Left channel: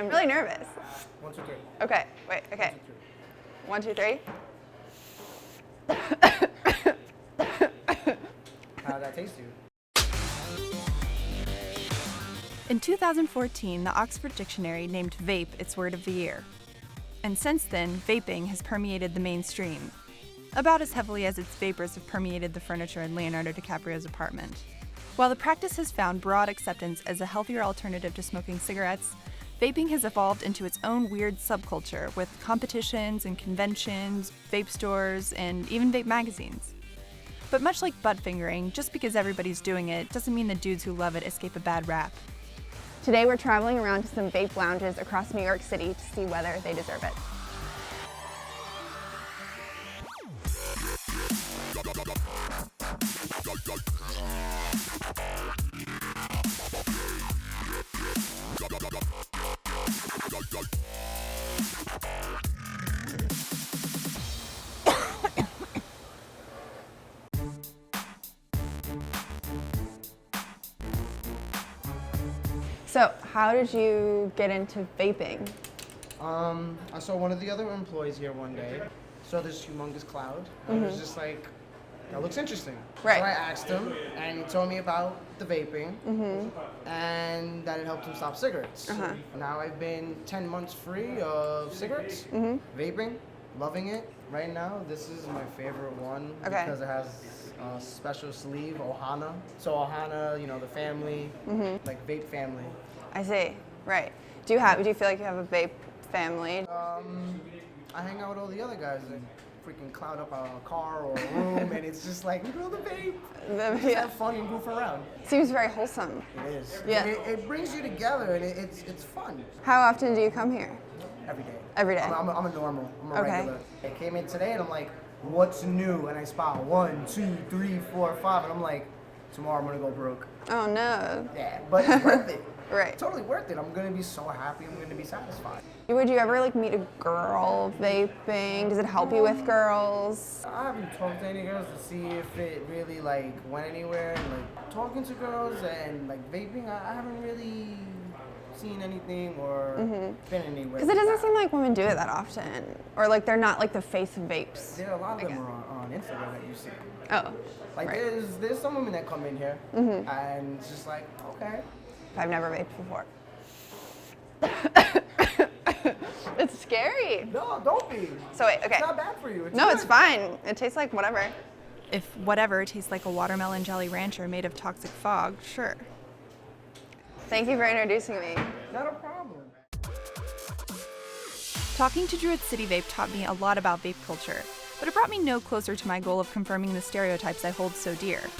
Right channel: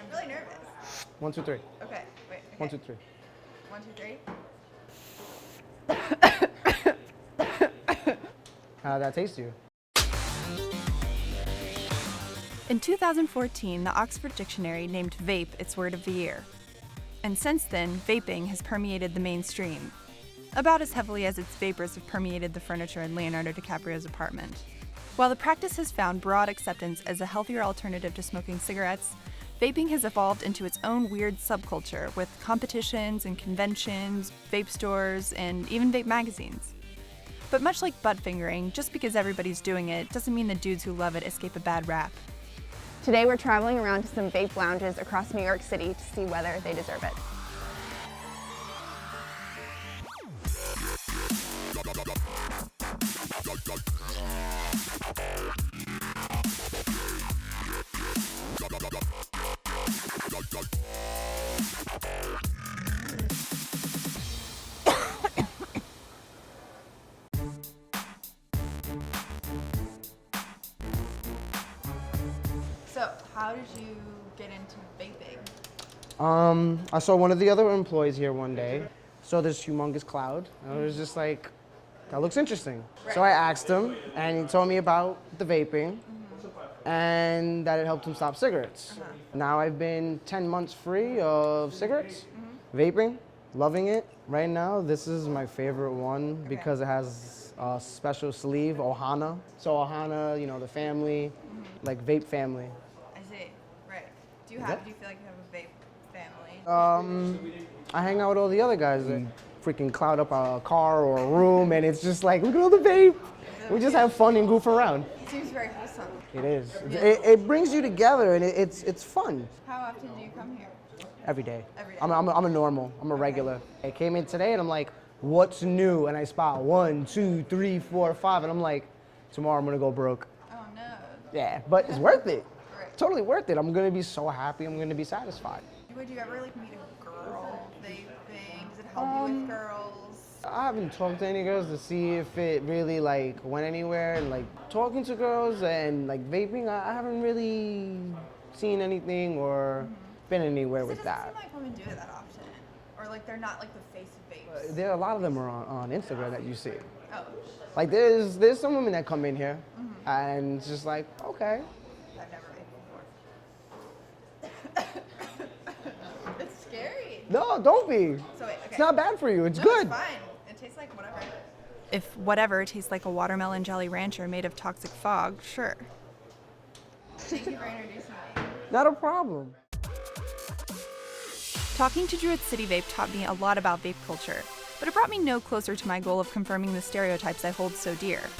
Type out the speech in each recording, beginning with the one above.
I'm really nervous. 1, 2, 3. Okay, wait, okay. 1, 2, 3. 1, 2, 3. How did that taste to you? In 2014, the Oxford Dictionary named vape its word of the year. And since then, vaping has permeated the mainstream, about as heavily as its vapors have permeated the furniture in Leonardo DiCaprio's apartment. While the practice has found broad acceptance as a healthier alternative to smoking cigarettes, vaping has evolved into its own weird subculture with competitions and conventions, vape stores, and even vape magazines. But much like butt fingering, just because everybody's doing it doesn't mean the dudes who love it escape a bad rap. Today we're traveling around to some vape lounges across New York City to see whether they deserve it. So, how did you get into vaping? I saw one of the other employees here one day. Saw this humongous cloud. And I was just like, that looks interesting. Right. So I asked him, and he told me about the vaping, and that it helped him stop cigarettes. Now I've been 10 months free of cigarettes, vaping, loving it. Right now, this is my favorite one because it has a special sleeve, Ohana. So Ohana, you know, the family, like vape family. I see, right. Do you feel like you have a vape family? I hang out with all the other guys that freaking cloud up a car or a room, and it's just like, look at all the vape. We just have fun and goof around. Seems very wholesome. It is. Yeah. It brings you together, and it's fun. How often do you come here? Every day. Every day. I'm a normal. I'm a Okay. regular. I came in today, and I'm like, what's new? And I spot 1, 2, 3, 4, 5, and I'm like, tomorrow I'm gonna go broke. Oh no. Yeah, but it's worth it. Right. Totally worth it. I'm gonna be so happy. I'm gonna be satisfied. Would you ever like meet a girl vaping? Does it help you with girls? I haven't talked to any girls to see if it really like went anywhere. And like talking to girls and like vaping, I haven't really seen anything or been anywhere. Because it doesn't seem like women do it that often, or like they're not like the face of vapes. There are a lot of them are on Instagram that you see. Oh. Like there's some women that come in here and it's just like, okay. I've never vaped before. It's scary. No, don't be. So wait, okay. It's not bad for you. It's No, good. it's fine. It tastes like whatever. If whatever tastes like a watermelon jelly rancher made of toxic fog, sure. Thank you for introducing me. Not a problem. Talking to Druid City Vape taught me a lot about vape culture, but it brought me no closer to my goal of confirming the stereotypes I hold so dear.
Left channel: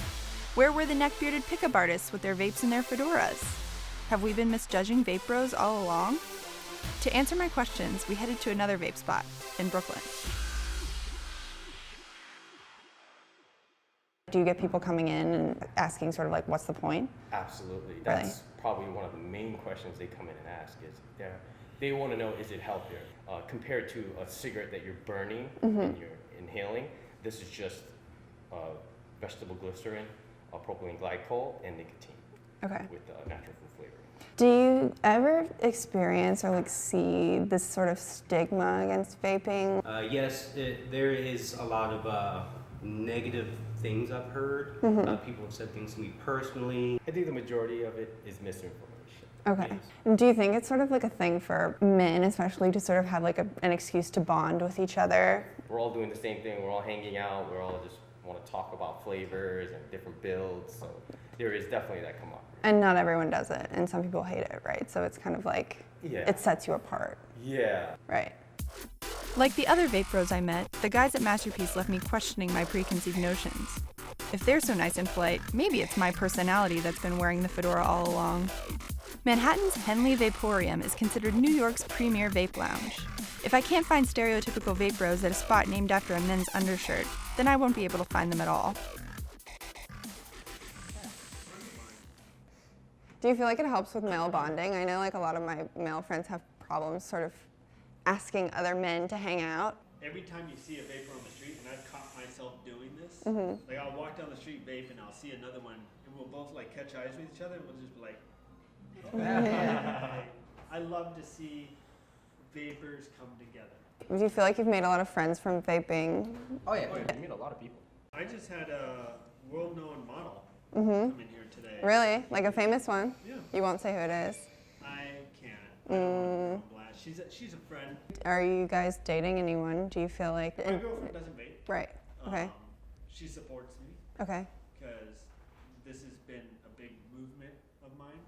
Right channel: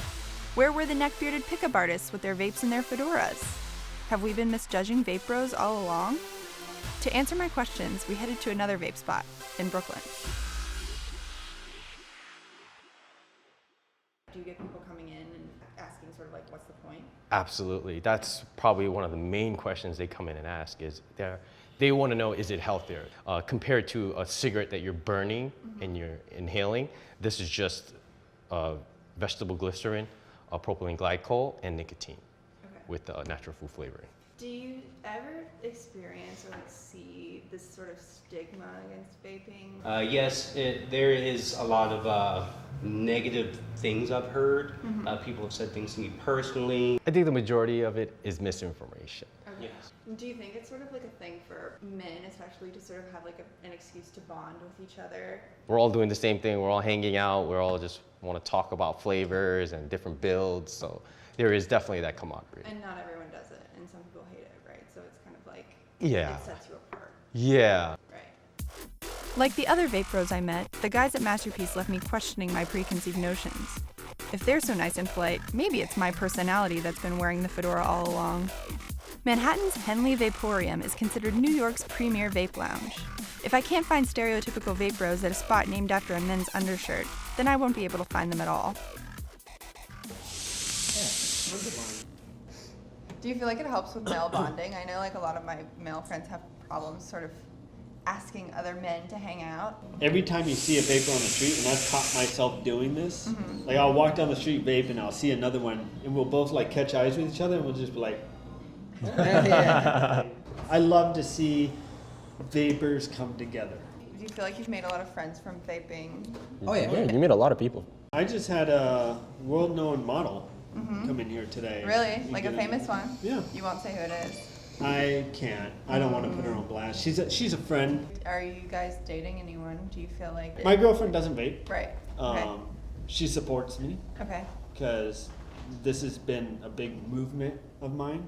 Where were the neck-bearded pickup artists with their vapes and their fedoras? Have we been misjudging vape bros all along? To answer my questions, we headed to another vape spot in Brooklyn. Do you get people coming in and asking sort of like, what's the point? Absolutely. That's probably one of the main questions they come in and ask is they want to know, is it healthier? Compared to a cigarette that you're burning and you're inhaling, this is just vegetable glycerin, propylene glycol, and nicotine with natural food flavoring. Do you ever experience or like see this sort of stigma against vaping? Yes, there is a lot of negative things I've heard. People have said things to me personally. I think the majority of it is misinformation. Okay. Do you think it's sort of like a thing for men, especially to sort of have like an excuse to bond with each other? We're all doing the same thing. We're all hanging out. We're all just want to talk about flavors and different builds. So there is definitely that camaraderie. And not everyone does it, and some people hate it, right? So it's kind of like, it sets you apart. Yeah. Right. Like the other vape bros I met, the guys at Masterpiece left me questioning my preconceived notions. If they're so nice and polite, maybe it's my personality that's been wearing the fedora all along. Manhattan's Henley Vaporium is considered New York's premier vape lounge. If I can't find stereotypical vape bros at a spot named after a men's undershirt, then I won't be able to find them at all. Do you feel like it helps with male bonding? I know like a lot of my male friends have problems sort of asking other men to hang out. Every time you see a vapor on the street, and I've caught myself doing this, like I'll walk down the street vape and I'll see another one, and we'll both like catch eyes with each other, and we'll just be like, I love to see vapors come together. Do you feel like you've made a lot of friends from vaping? Oh yeah. Yeah, you meet a lot of people. I just had a world-known model come in here today. Really? We Like a did famous one? Yeah. You won't say who it is. I can't. I don't want to put her on blast. She's a friend. Are you guys dating anyone? Do you feel like... My girlfriend doesn't vape. Right. Okay. She supports me Okay. because this has been a big movement of mine.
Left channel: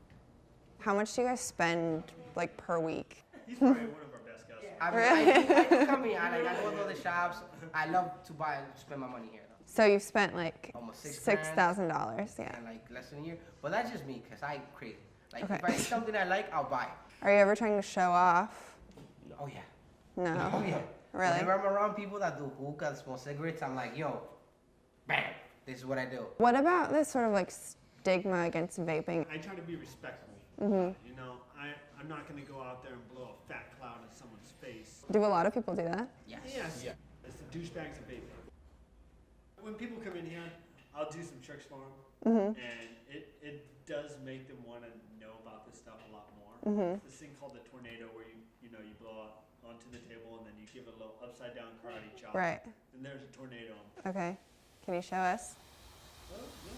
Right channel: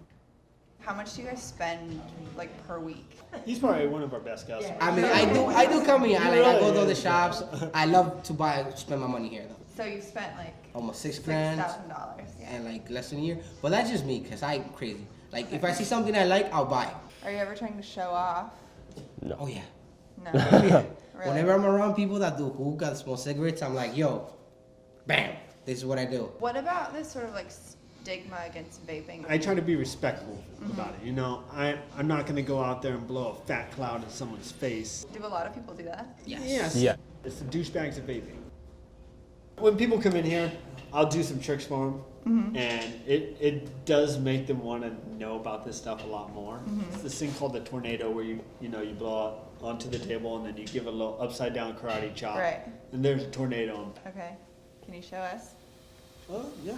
How much do you guys spend like per week? He's probably one of our best customers. I mean, I do come here. I go to the shops. I love to spend my money here though. So you've spent like Almost $6,000. $6,000. Yeah. And like less than a year. But that's just me, cause I'm crazy. Like if I see something I like, I'll buy it. Are you ever trying to show off? Oh yeah. No. Oh yeah. Really? Whenever I'm around people that do hookah, that smoke cigarettes, I'm like, yo, bam, this is what I do. What about this sort of like stigma against vaping? I try to be respectful about it. You know, I'm not going to go out there and blow a fat cloud in someone's face. Do a lot of people do that? Yes. Yeah. It's the douchebags of vaping. When people come in here, I'll do some tricks for them, and it does make them want to know about this stuff a lot more. It's this thing called the tornado, where you blow out onto the table and then you give a little upside down karate chop, Right. and there's a tornado. Okay. Can you show us? Oh yeah.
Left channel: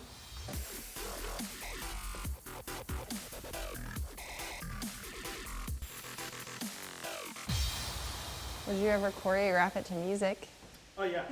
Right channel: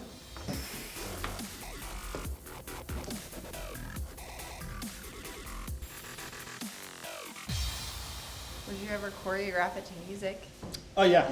Would you ever choreograph it to music? Oh yeah.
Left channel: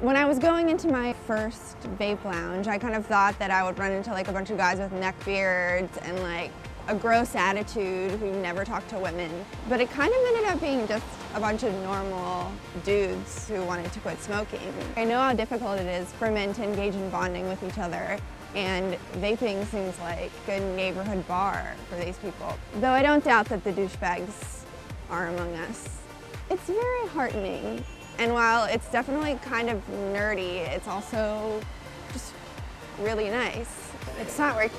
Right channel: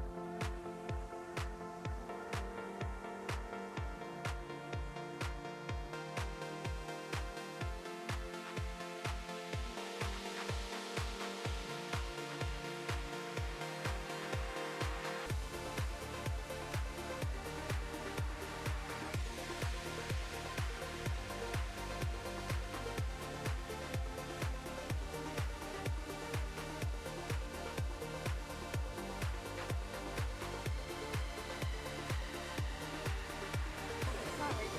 When I was going into my first vape lounge, I kind of thought that I would run into like a bunch of guys with neck beards and like a gross attitude who never talked to women. But it kind of ended up being just a bunch of normal dudes who wanted to quit smoking. I know how difficult it is for men to engage in bonding with each other, and vaping seems like a neighborhood bar for these people. Though I don't doubt that the douchebags are among us. It's very heartening. And while it's definitely kind of nerdy, it's also just really nice. It's not working.